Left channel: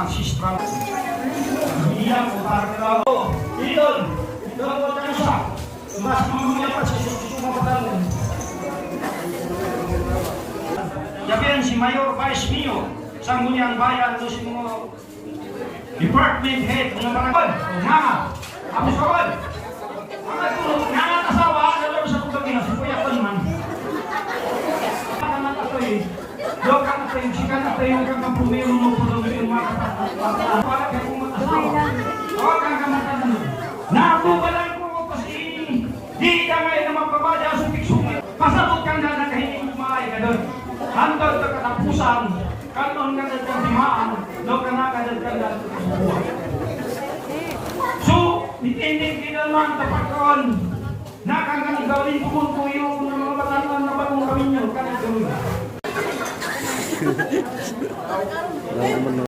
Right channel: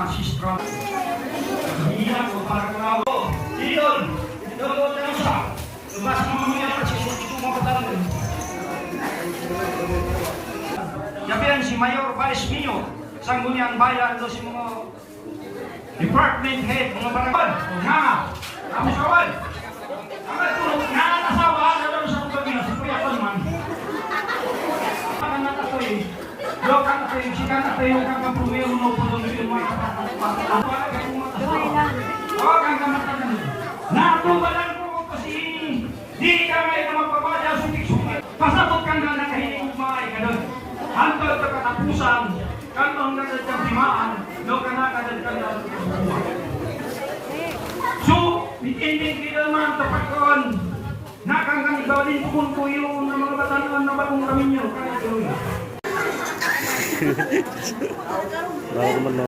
ancestral. Iyan ko para ako. Dito, doon tayo siya. Mas mamamaya pa siya ito mapatanong. Yabihan si Mayor Vice Mio, Sangguniang Bayan, ito si mga department head, mga barangay. Na, tapos kawan. Ang natulog, nakakasawa, nalaro sa kugagin na sa kuyatan man. Ang natatoy, doon ka natay, sikan natay yung kang pumero no po doon yung mga kapatid. Huwag kang kamatatan. Nakubalan ko ko kasi di ka ngayon na magpabadya sa piksong. Pasabot kang na nakahiling kumahay ka doon. Hantol ka katapusan, kanong nagagadimaan, doon ka nakadagdag na buhay. So, itindig kita man tapakon. Nakang gawin ko yung mga batanan na bagong kami niyo.